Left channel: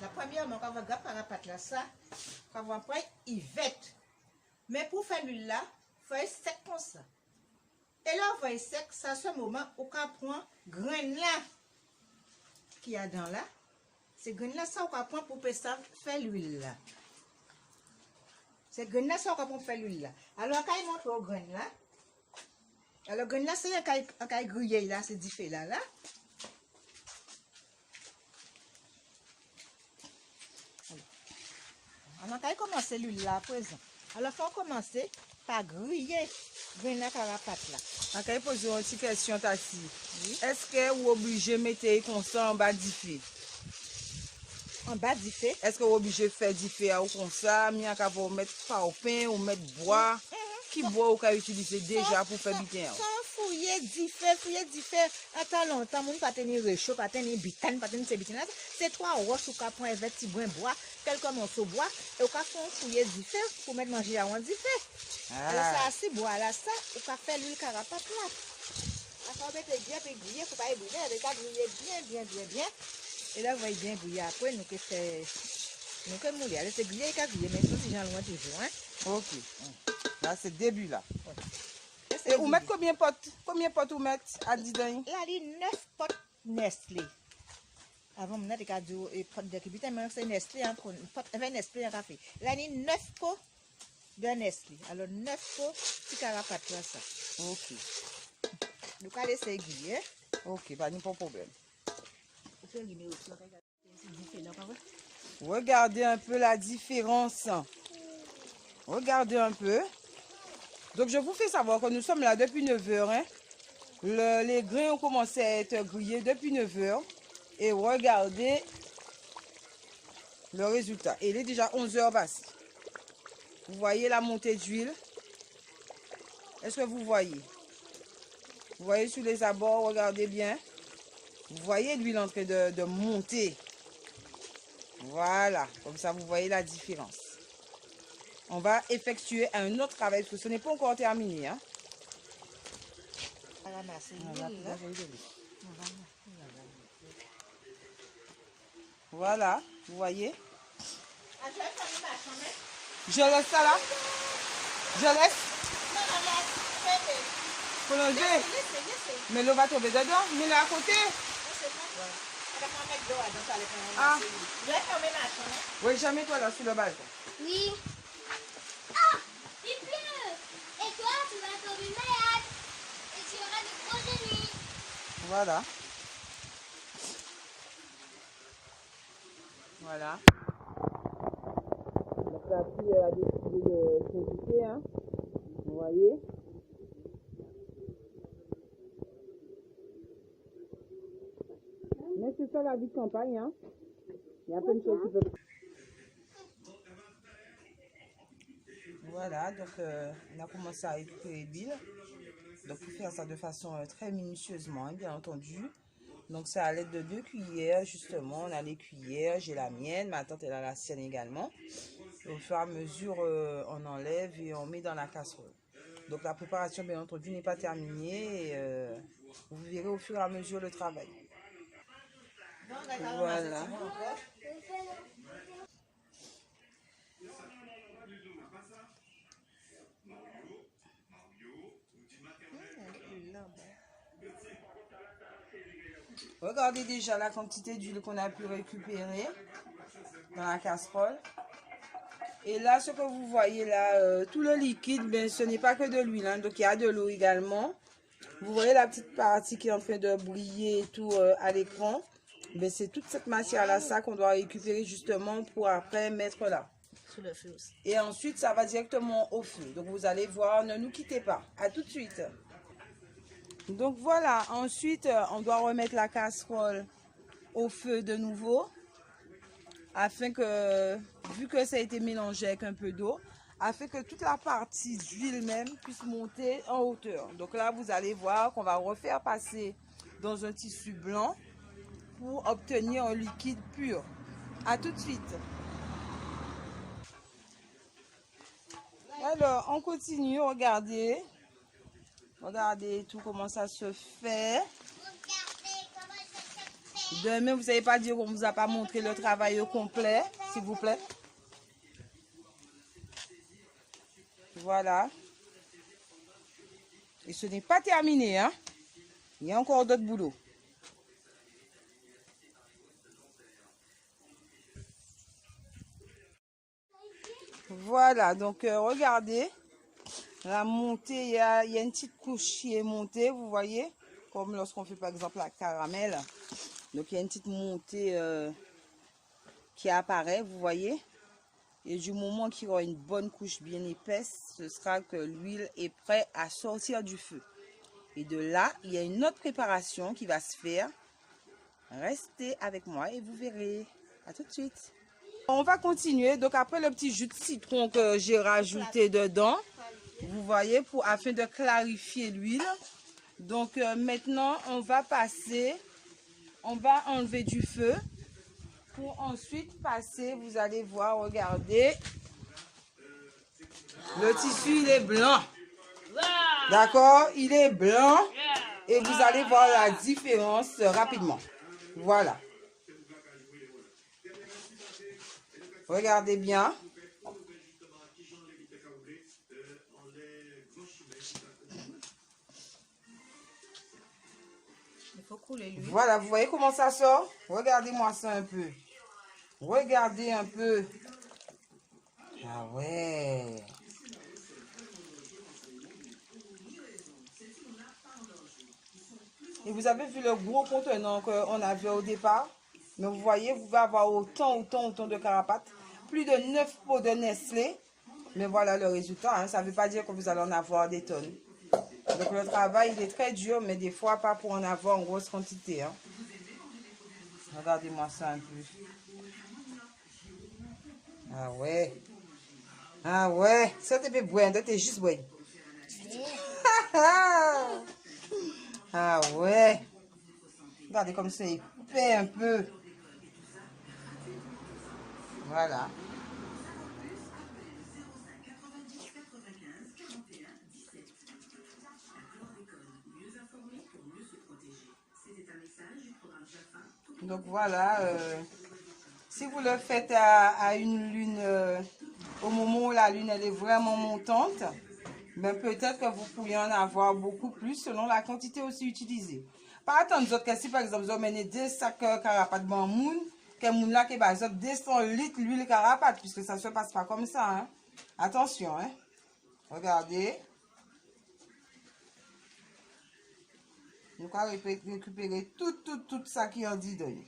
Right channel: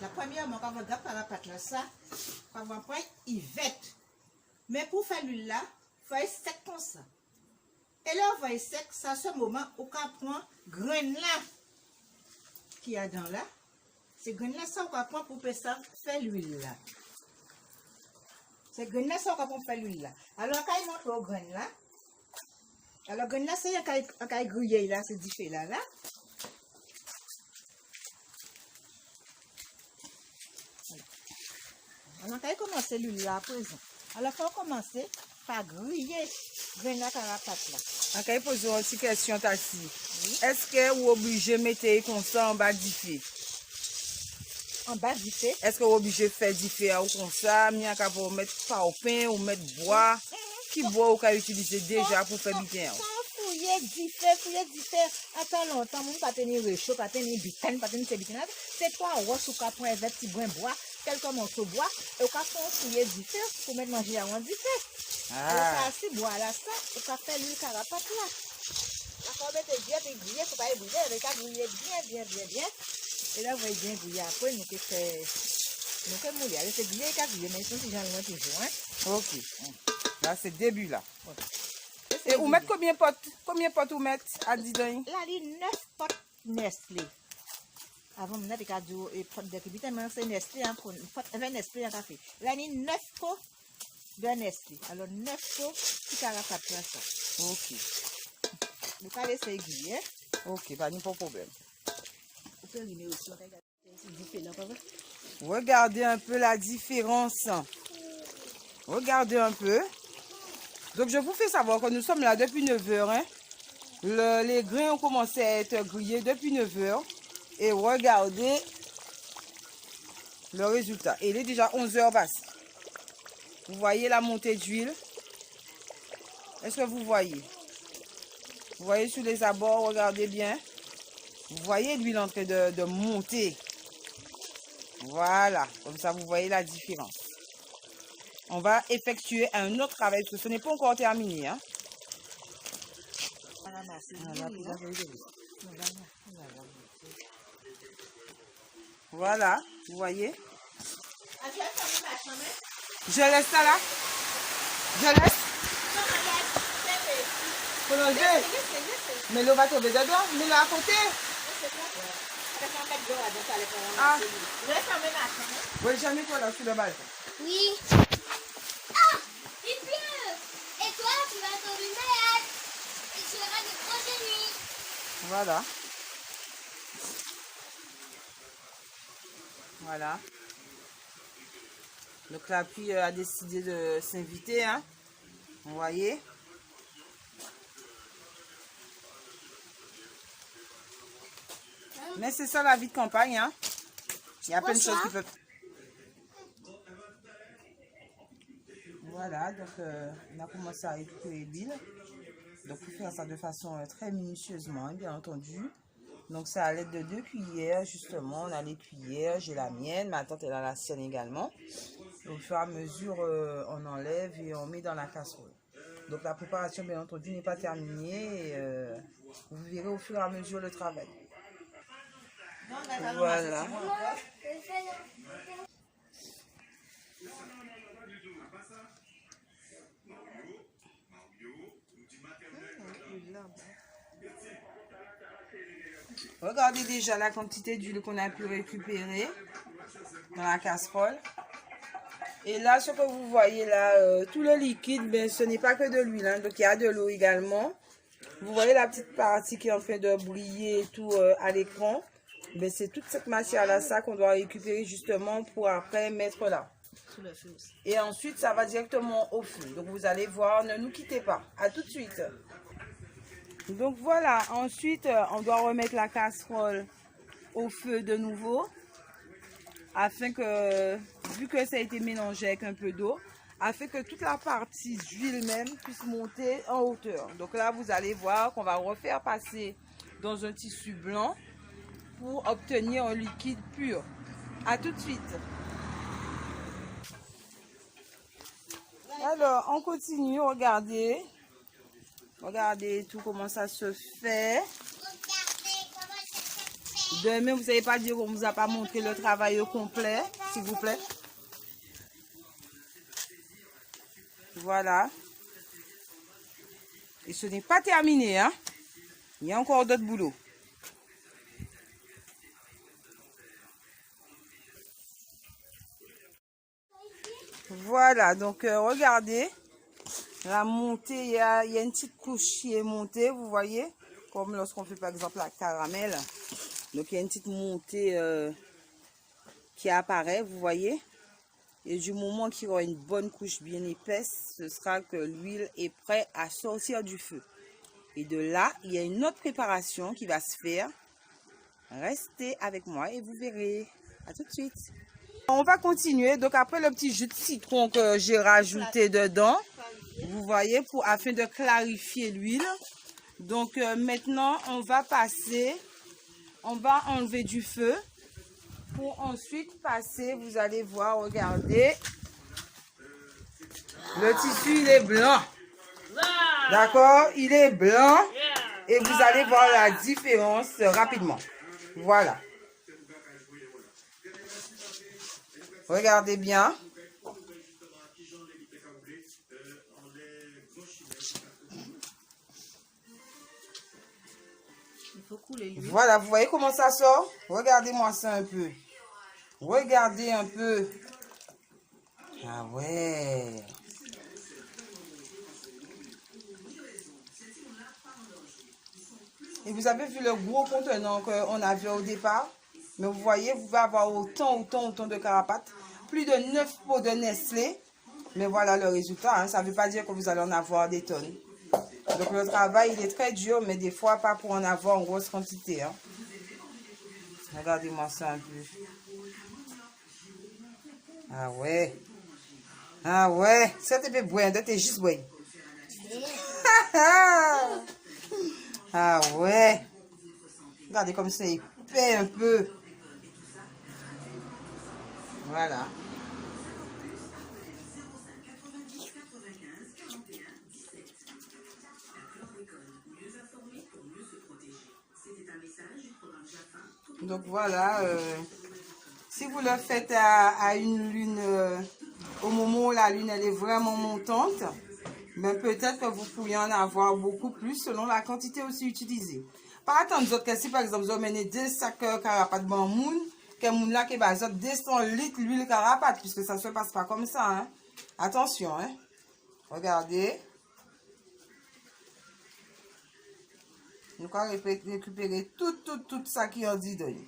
carapates là. Premièrement, quand on regarde carapates là, ça, quand on prend, il vête. Mais pour faire l'huile là, il faut être sec comme ça. Et là, on va être sec, c'est à ce moment où on prend grain là qu'il y a dans là. C'est grain là, ça, on va prendre pour faire l'huile là. C'est grain là, ça, on va faire l'huile là. Alors, quand il monte au grain là, alors, grain là, c'est quand il grille là, c'est différent là. Alors, quand il commence l'huile là à présent, alors, il faut commencer par griller grain la carapace là. Ok, il pose une petite question, Tassi. Est-ce que vous êtes obligé de mettre comme ça en bas du feu? En bas du feu? Est-ce que vous êtes obligé de faire du feu comme ça? Bien qu'à vous mettre au pain ou mettre bois? Qui bois ou qu'à utiliser déjà pour faire bien? Fouiller du feu, attends longtemps, mon pas tenir réchaud, pas tenir butane, pas tenir butane. C'est trois roches ou quatre points verts, petit brin bois, quelques morceaux de bois, et au cas où fouiller du feu pour mettre manger à du feu. Alors ça assez bois là, ça, ou pas faire l'huile carapace là. Après on mettre bien puis griller, faut pas brûler, on va griller bien. Et là vous voyez bien griller après, nous que c'est mouiller, alors c'est griller qu'à griller, mais ça c'est bien loin toujours, hein. Ok. Là c'est le début là. Et vous mettez combien de potes vous mettez à 10 ans? Là, il y a 9 potes Nestlé. Avant, on a des cadeaux et potes de Kibita, mais c'est Nestlé, Nestlé en café. Là, il y a 9 pots de Nestlé. Alors, 9 pots, petit carapace là, ça. Ok. Nous allons laisser aiguiller. Ok, pas de problème. C'est différent, pas vrai? Regardez un peu la différence. Regardez un peu. Donc, je vous fais savoir que nous sommes là depuis 9 heures. Hein. Les grains ont commencé à être grillés depuis 9 heures. Et regardez le résultat. Il est déjà 11 heures passées. Vous voyez la montée d'huile? Est-ce que vous voyez? Vous voyez sur les abords, regardez bien. Vous voyez l'huile en train de monter. Voilà, comme ça vous voyez la différence. On va effectuer un autre travail parce que ce n'est pas encore terminé. Hein. Voilà, vous voyez. Je laisse ça là. Je laisse. Pour l'enlever. Mais l'eau va tomber dedans. Mais là à côté. Ah. Oui, jamais toi là sous le balcon. Oui. Ah, il pleut. Et toi, tu vas tomber malade. Et tu auras de grosses nuits. Voilà. Voilà. Donc la pluie a décidé de s'inviter. Hein. Vous voyez. Mais c'est ça la vie de campagne. Hein. Il y a plein de choses qui peuvent... Voilà, donc on a commencé à récupérer l'huile. Donc il faut faire ça de façon très minutieusement, hein, bien entendu. Donc c'est à l'aide de 2 cuillères, justement. On a les cuillères, j'ai la mienne, ma tante elle a la sienne également. Au fur et à mesure, on enlève et on met dans la casserole. Donc la préparation, bien entendu, n'est pas terminée. Et, vous verrez au fur et à mesure le travail. Voilà. Regardez déjà la quantité d'huile qu'on a pu récupérer dans la casserole. Et là, ce que vous voyez là, tout le liquide, ce n'est pas que de l'huile, hein, donc il y a de l'eau également. Vous voyez la petite partie qui est en train de briller et tout à l'écran. C'est toute cette matière-là, ça qu'on doit récupérer justement pour après mettre là. Et ensuite, ça va directement au feu. Donc vous allez voir, ne nous quittez pas. À tout de suite. Donc voilà, ensuite, on doit remettre la casserole au feu de nouveau. Afin que, vu que ça a été mélangé avec un peu d'eau, afin que toute la partie d'huile même puisse monter en hauteur. Donc là, vous allez voir qu'on va refaire passer dans un tissu blanc pour obtenir un liquide pur. A tout de suite. Alors, on continue, regardez. Regardez tout comment ça se fait. Regardez comment ça se fait. Demain, vous ne savez pas dire qu'on ne vous a pas montré le travail au complet, s'il vous plaît. Voilà. Et ce n'est pas terminé, hein. Il y a encore d'autres boulots. Voilà, donc regardez. La montée, il y a une petite couche qui est montée, vous voyez. Comme lorsqu'on fait par exemple la caramel. Donc il y a une petite montée qui apparaît, vous voyez. Et du moment qu'il y aura une bonne couche bien épaisse, ce sera que l'huile est prête à sortir du feu. Et de là, il y a une autre préparation qui va se faire. Restez avec moi et vous verrez. À tout de suite. On va continuer. Donc après le petit jus de citron que j'ai rajouté dedans, vous voyez, afin de clarifier l'huile. Donc maintenant, on va enlever du feu. Pour ensuite passer, vous allez voir, regardez. Le tissu, il est blanc. D'accord? Il est blanc. Et vous allez voir la différence rapidement. Voilà. Regardez bien. Il faut couler l'huile. Voilà, vous voyez comment ça sort? Regardez-moi ça un peu. Regardez un peu. Ah ouais. Et vous avez vu le gros contenant qu'on avait au départ? Mais vous voyez, vous pouvez avoir autant de carapates. Plus de 9 pots de Nestlé. Mais voilà le résultat. Hein. Ça ne veut pas dire que vous allez en avoir des tonnes. Donc le travail, il est très dur, mais des fois, pas pour en avoir en grosse quantité. Hein. Regardez-moi ça un peu. Ah ouais. Ah ouais. Ça te fait boire, t'es juste boire. Ah ouais. Regardez comme c'est épais un peu. Voilà. Donc voilà, si vous le faites à une lune, au moment où la lune elle est vraiment montante, ben peut-être que vous pourriez en avoir beaucoup plus selon la quantité aussi utilisée. Par attendre que si par exemple vous amenez 2 sacs carapates de moun, que moun là qui va 200 litres l'huile carapate, puisque ça ne se passe pas comme ça. Hein. Attention, hein. Regardez. Nous allons récupérer tout ça qui en dit de nous.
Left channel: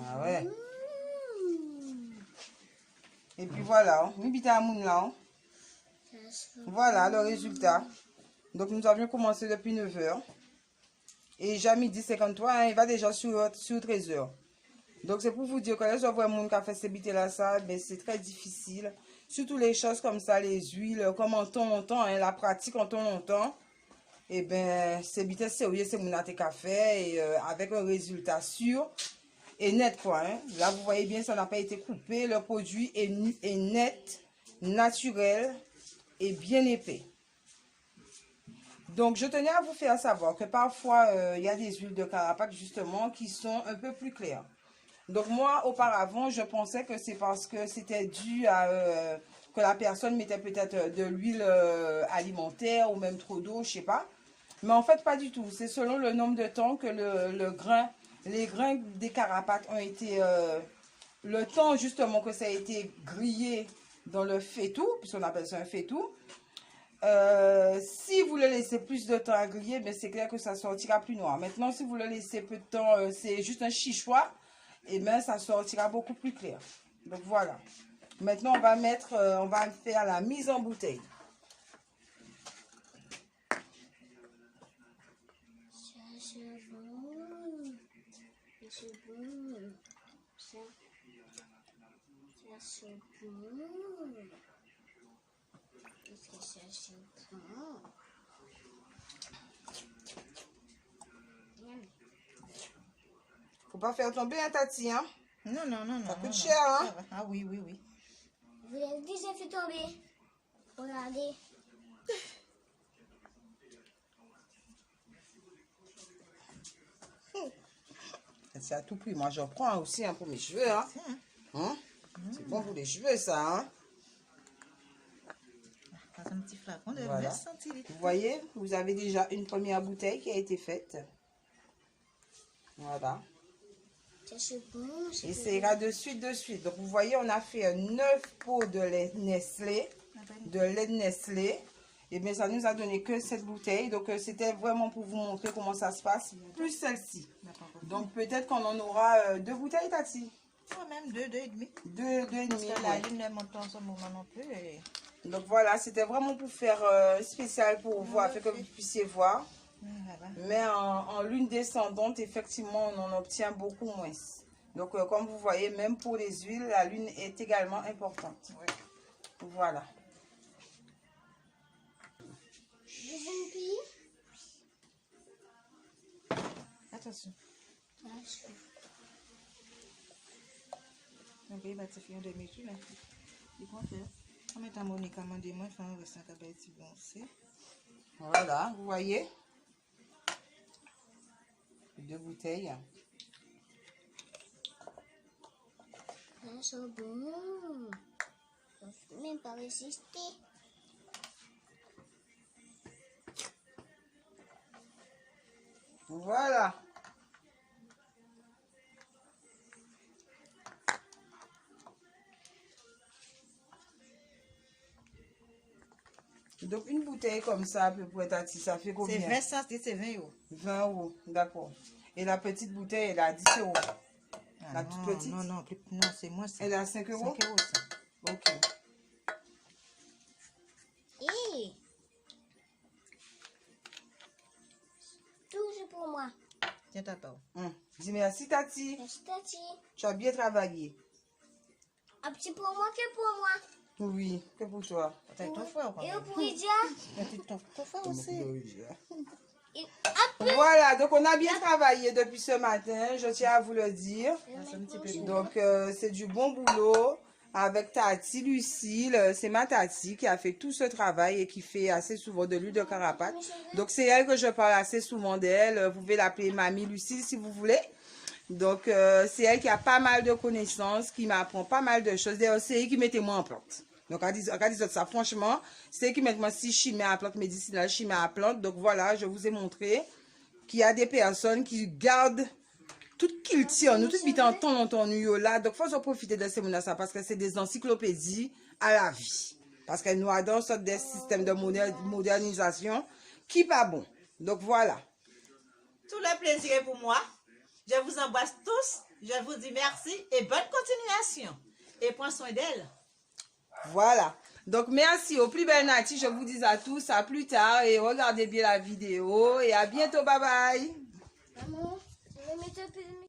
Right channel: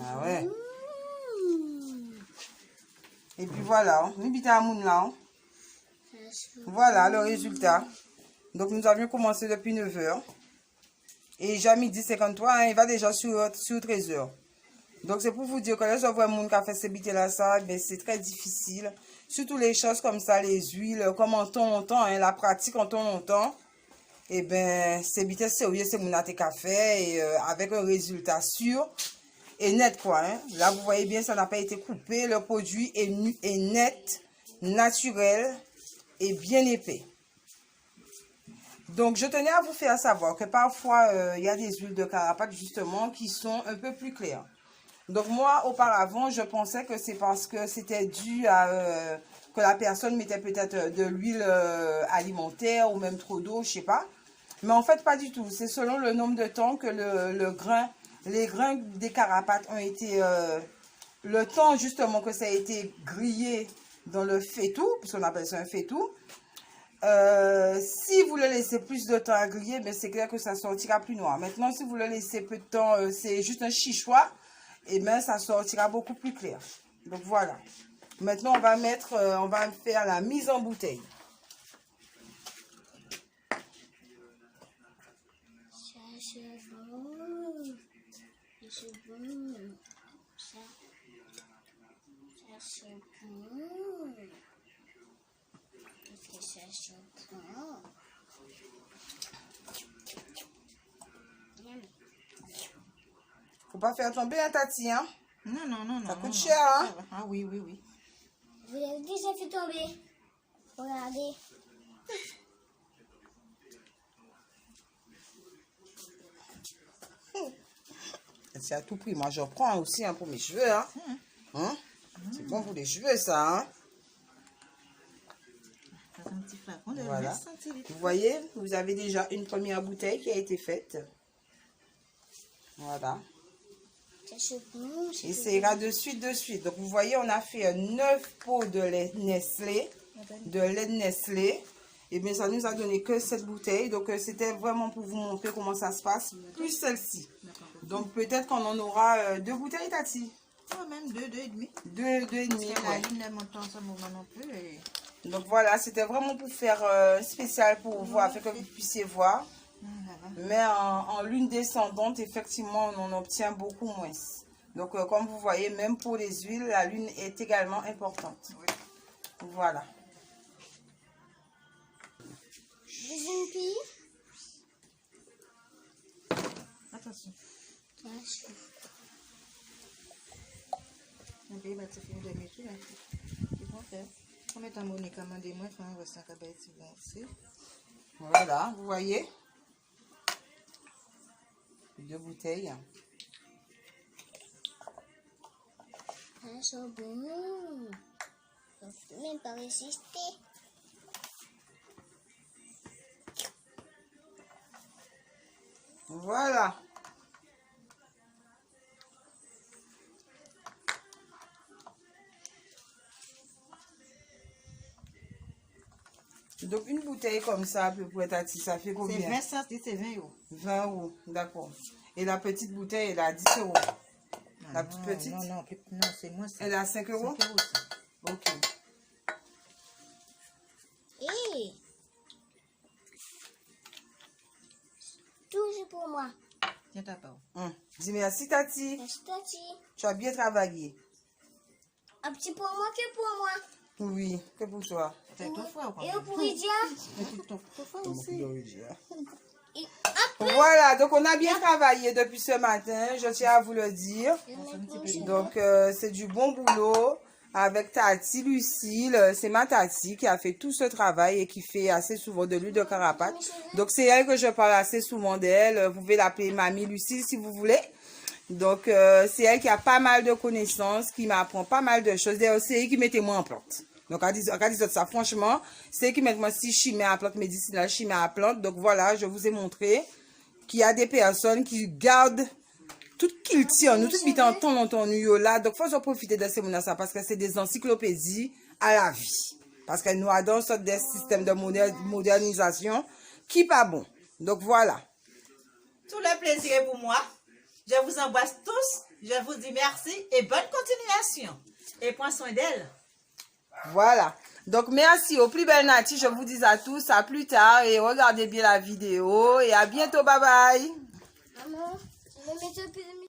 Ah ouais. Et puis voilà, voilà le résultat. Donc nous avions commencé depuis 9 h. Et déjà midi 53, hein, il va déjà sur 13 h. Donc c'est pour vous dire que là, je vois un monde qui a fait ces bites là, ça, ben, c'est très difficile. Surtout les choses comme ça, les huiles, comme en temps, hein, la pratique en temps. Et ben, c'est bites sérieux, c'est mon café et avec un résultat sûr et net quoi. Hein. Là, vous voyez bien, ça n'a pas été coupé. Le produit est net, naturel et bien épais. Donc, je tenais à vous faire savoir que parfois, il y a des huiles de carapate justement qui sont un peu plus claires. Donc moi, auparavant, je pensais que c'est parce que c'était dû à que la personne mettait peut-être de l'huile alimentaire ou même trop d'eau, je sais pas. Mais en fait, pas du tout. C'est selon le nombre de temps que les grains des carapates ont été... le temps justement que ça a été grillé dans le faitout, puisqu'on appelle ça un faitout. Si vous le laissez plus de temps à griller, ben c'est clair que ça sortira plus noir. Maintenant, si vous le laissez peu de temps, c'est juste un chichois. Et bien ça sortira beaucoup plus clair. Donc voilà. Maintenant on va faire la mise en bouteille. Faut pas faire tomber un tati, hein? Non. Ça coûte cher, hein? Ah oui. Vous avez déjà fait tomber. Regardez. C'est à tout prix. Moi, j'en prends aussi hein, pour mes cheveux. Hein. Hein? C'est bon pour les cheveux, ça. Hein? Un petit flacon de Voilà. 20 centilitres. Vous voyez, vous avez déjà une première bouteille qui a été faite. Voilà. C'est bon. Et ça ira de suite. Donc, vous voyez, on a fait 9 pots de lait Nestlé. Et bien, ça nous a donné que cette bouteille. Donc, c'était vraiment pour vous montrer comment ça se passe. Plus celle-ci. Donc, peut-être qu'on en aura 2 bouteilles, Tati. Quand même 2, 2,5. 2 et demi. Parce que la Ouais. lune ne monte pas en ce moment non plus. Et... Donc, voilà, c'était vraiment pour faire spécial pour vous, afin que vous puissiez voir. Voilà. Mais en lune descendante, effectivement, on en obtient beaucoup moins. Donc, comme vous voyez, même pour les huiles, la lune est également importante. Ouais. Voilà. Deuxième pays. Attention. Attention. Un pays va te faire des métiers. Ils vont faire. Comme étant monnaie commandée, moi, il faut un restant qui va être bon aussi. Voilà, vous voyez. 2 bouteilles. Elles sont bonnes. Je ne peux même pas résister. Voilà. Donc, une bouteille comme ça, à peu près, Tati, ça fait C'est combien? 20 centilitres, c'est 20 euros. 20 euros, d'accord. Et la petite bouteille, elle est à 10 euros. Ah, La non, toute petite? Non, c'est moins ça. Elle est à 5 euros? 5 euros, ça. Ok. Et tout c'est pour moi. Tiens ta parole. Dis merci, Tati. Merci, Tati. Tu as bien travaillé. Un petit pour moi que pour moi. Oui, que pour toi. T'as ton frère, quand Et même. pour Lydia. Mais ton frère aussi. Et hop. Voilà, donc on a bien travaillé depuis ce matin, je tiens à vous le dire. Donc, c'est du bon boulot avec Tati, Lucille. C'est ma Tati qui a fait tout ce travail et qui fait assez souvent de l'huile de carapate. Donc, c'est elle que je parle assez souvent d'elle. Vous pouvez l'appeler Mamie Lucille si vous voulez. Donc, c'est elle qui a pas mal de connaissances, qui m'apprend pas mal de choses. D'ailleurs, c'est elle qui mettait moi en plante. Donc, à dire ça, franchement, c'est elle qui met moi si chimie à plante médicinale, chimie à plante. Donc, voilà, je vous ai montré qu'il y a des personnes qui gardent tout qu'ils tirent, nous, tout vite en ton là. Donc, faut en profiter de ces ça parce que c'est des encyclopédies à la vie. Parce que nous avons sorte des systèmes de modernisation qui pas bon. Donc, voilà. Tout le plaisir est pour moi. Je vous embrasse tous. Je vous dis merci et bonne continuation. Et prends soin d'elle. Voilà. Donc, merci aux plus belles Nati. Je vous dis à tous, à plus tard. Et regardez bien la vidéo. Et à bientôt. Bye bye. Maman, je vais mettre un peu de musique.